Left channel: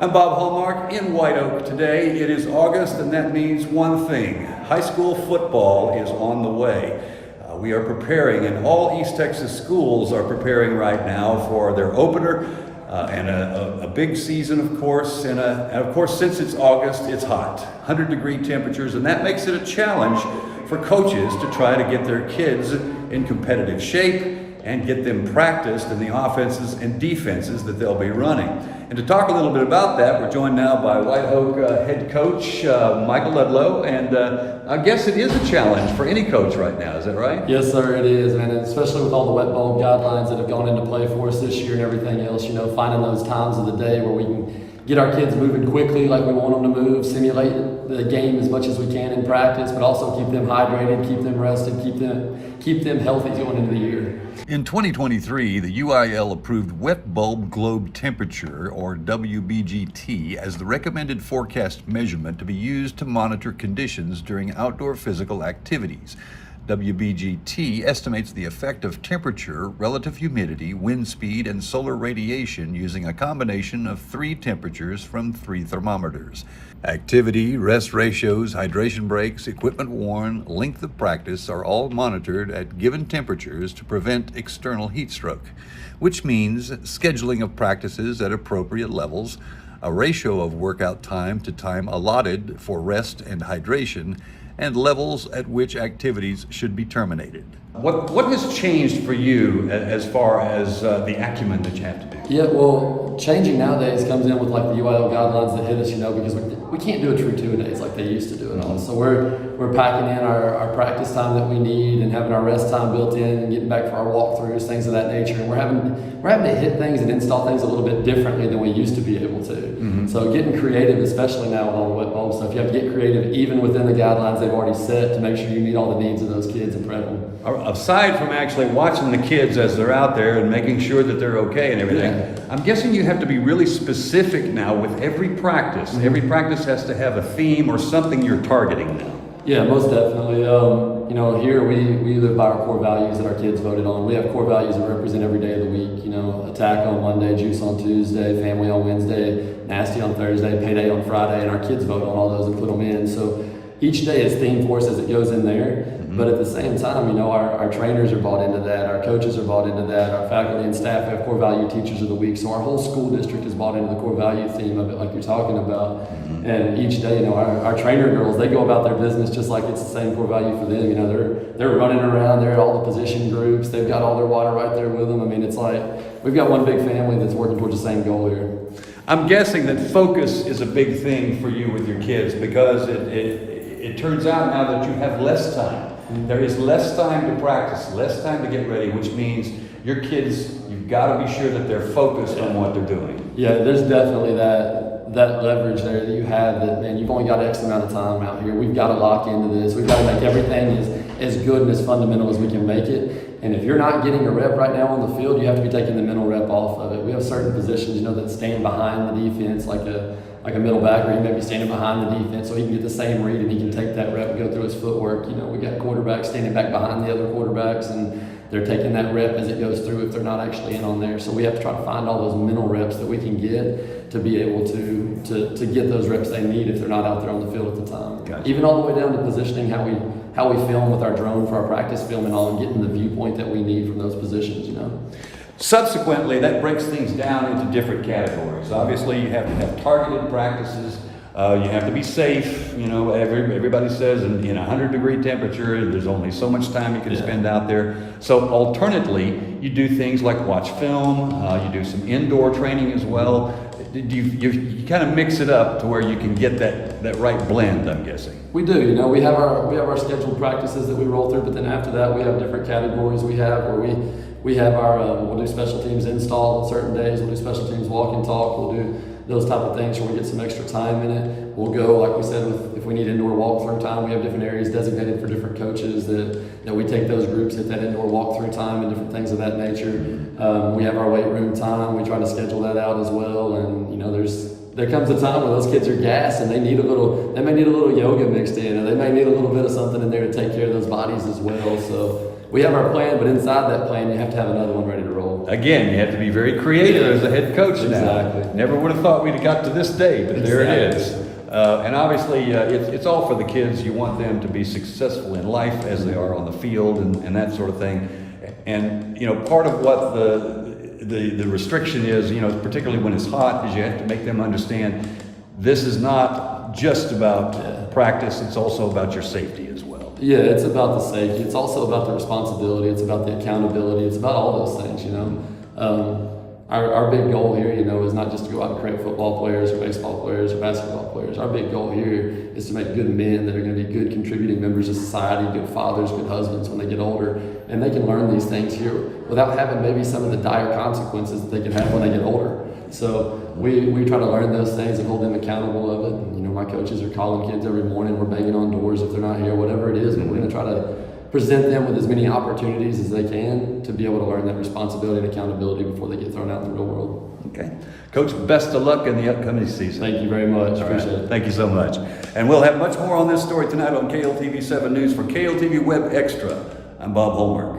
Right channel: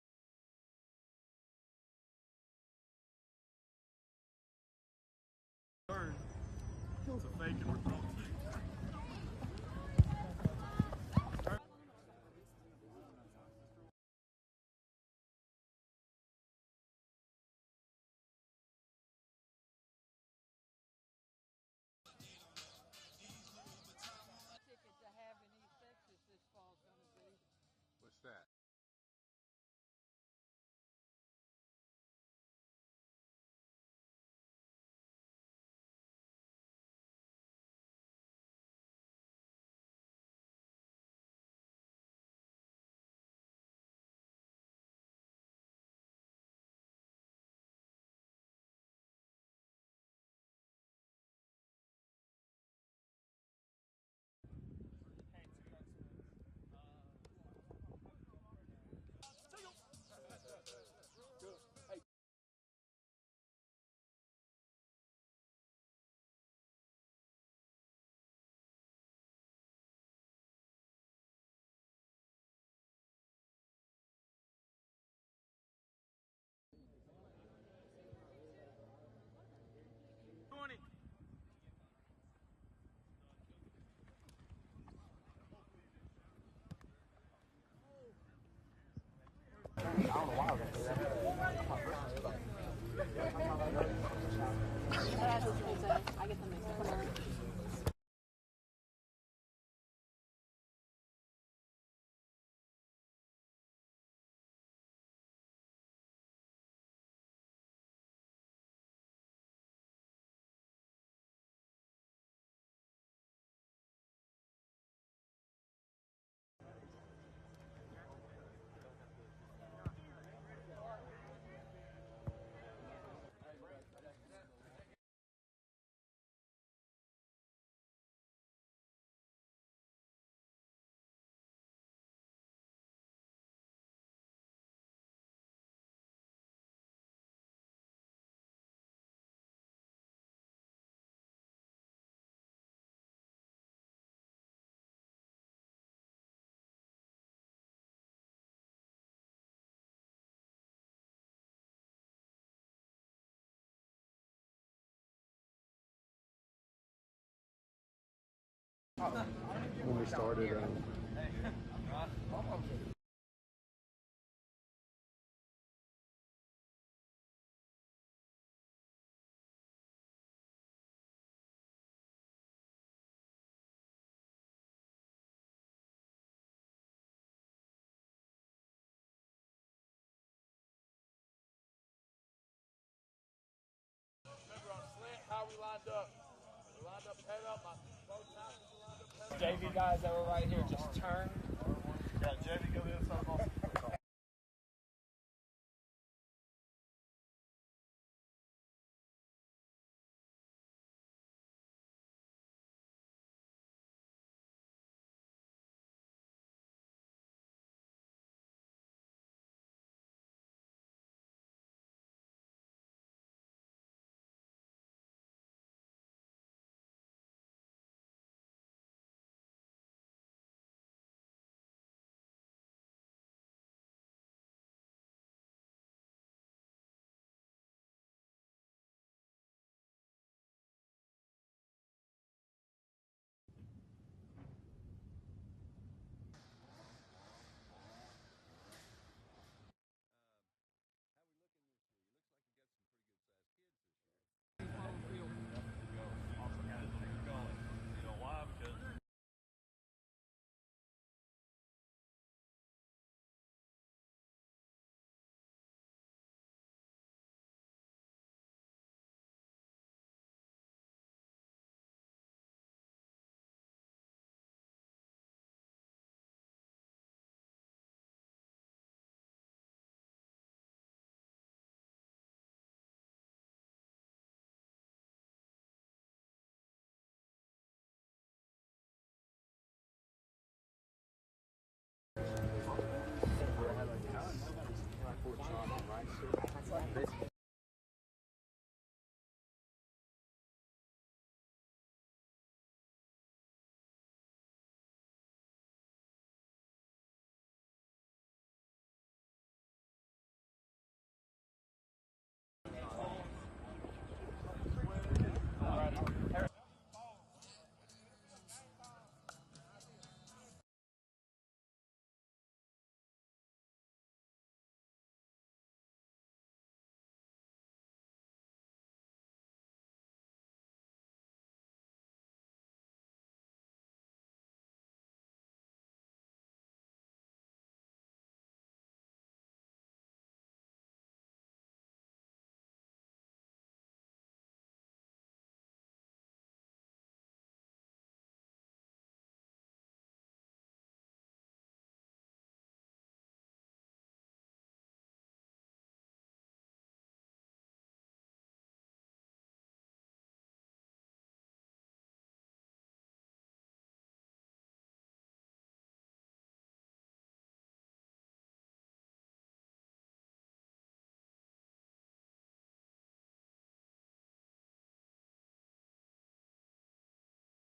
I'm Bob Hallmark in White Oak today. It is August, and that means one thing. High school football is on the way. We are preparing, and all East Texas schools are preparing right now for their opener and a big season, of course. And of course, since it's August, it's hot, 100-degree temperatures, and that makes it a challenge for coaches to try to get their kids in competitive shape and get them practiced in the offenses and defenses that they'll be running. And to talk a little bit about that, we're joined now by White Oak head coach Michael Ludlow, and I guess it is a challenge for any coach right now, is that right? Yes, sir, it is, man, and especially with all the wet bulb guidelines that have gone into play for us this year and everything else, finding those times of the day where we can get our kids moving quickly like we want them to move, simulate the game as much as we can in practice, but also keep them hydrated, keep them rested, keep them healthy going into the year. In 2023, the UIL approved wet bulb globe temperature, or WBGT, as the recommended forecast measurement to be used to monitor conditions during outdoor physical activities. WBGT estimates the effect of temperature, relative humidity, wind speed, and solar radiation using a combination of 3 temperatures from 3 thermometers. Activity, rest ratios, hydration breaks, equipment worn, length of practice are all monitored at given temperatures to prevent external heat stroke, which means scheduling of practices at appropriate levels, a ratio of workout time to time allotted for rest and hydration, and levels at which activities should be terminated. What has changed for you as far as the acumen that you have to do? Yeah, well, changing nowadays comes in with like the UIL guidelines that hit us, because we can't do a true 2-a-days like they used to do it all. So we're packing in our practice time that we need and having our rest time built in and getting back for our walkthroughs, things of that nature. And we're having to hit things and install things a little bit differently than we used to be able to. Mm-hmm. So getting creative, especially now with all the wet bulb stuff, you have to get creative even within the guidelines they've already set to make sure you meet all the needs of those kids and prep them. Aside from actually watching the kids as they're out there and making sure that they're okay and everything, yeah. I'm guessing you have to be really specific now with every practice. Mm-hmm. Every practice has to have a theme or something you're targeting now. Yeah, most definitely. Here we live by our core values that our kids voted on. We have core values that represent every day of the week. Attack on Monday, juice on Tuesday, family on Wednesday, nasty on Thursday, payday on Friday, and our kids vote on all those and put them in. So each day is themed for us as it goes in there. Mm-hmm. But at the same time, our trainers are bought into that, our coaches are bought into that, our faculty and staff have core value teachers of the week. So our whole school district is bought into the core value theme of it, like you're talking about. Mm-hmm. And each day, our trainer girls, they go about their business just like it's the same core value for them. They're running around, they're at all the position groups, they've got all their water right there with them. It's like we've got one big family that's working towards the same goal here. I'm guessing that focus is a big thing for you with your kids because it turns out now that you have less time. There is less time to practice, less time to get ready, which means your kids, you've got to be sure that they're focused on what they're doing. Yeah, there's definitely that leverage there that you have that, man, you've only got X amount of time out here. We've got to lock into this. We've got to make everything as good and as fundamental as we can make it. And if you're not getting a rep right now on the field, you have to be taking the mental rep off of it. We have certain positions, that stand behind the defense, like a middle backer, he may be standing behind the defense so he can get the same read and he can take that rep and go through his footwork. We got quarterbacks standing back behind the other quarterbacks and they're taking that rep as it goes through if they're not actually in on there. So we have to try to find all those mental reps that we can get to be able to get those reps they need if they're not out there on the field at the time. Gotcha. Even all the way down to positioning, how we film with our drone for our practice film and all, and getting the viewpoint that we need from those positions, Subsequently, that breaks things down into different categories. Obviously, you have to have targeted practices. You have to be safe. Everybody says in 100-degree temperature, there's only so much time you can spend out there. So alternately, you do things like watch film. You do some indoor training as well. You kind of mix it up to where you can get that right blend, I'm guessing. We do. We have our scheduled practices that we roll through, but then after that, we have different categories we have where we have our, we'll do special teams install on certain days, we'll do special teams walk and talk, we'll do those type of things where we get some extra time in it. We'll go, like we said, if we need indoor walkthrough time, we have different areas designated for different coaches that we take those groups at that indoor walkthrough time and different things of that nature. We have our weight room time, we try to schedule that out as well, and there comes a time when those kids are gassed and they may need a little yoga mixed in, or they may need a little bit of something in there to take care of those bodies as well. So we have our plan, but inside that plan, you have to have another one ready to roll. again, you have to be very creative as a head coach now. Exactly. Never would have thought we'd have got to this day, but there it is. Exactly. And obviously, it's all for the kids. You want them to be successful in life as they are on the field and that sort of thing. And, you know, part of what the restriction is, you know, particularly when it's hot, is you have to make them understand this is not just about practice, it's also about your safety as well. Yeah, it's about the safety. It's also about the responsibility. It's about the accountability. It's about all those things, you know. Our big goal here, you know, is not just to go out and create football players or baseball players or basketball players. Our big goal here is to make good men that are going to be good contributing members of society, good fathers, good husbands when they get older. And they can learn these things here without having maybe some of the dire consequences that they can have when they get older. So we try to learn those things and hold them accountable of it. And, you know, my coaches are calling kids every morning. We're banging on doors if they're not here, whatever it is. But we're going to try to present them with as many opportunities as they can to be able to learn that responsibility and accountability before they get thrown out in the real world. Okay. Coach, best of luck in the upcoming season. Thank you very much. Appreciate it. Thank you so much. And we'll have much more on this story tonight on KLTV 7 News. For KLTV Web Extra, I'm Bob Holmberg.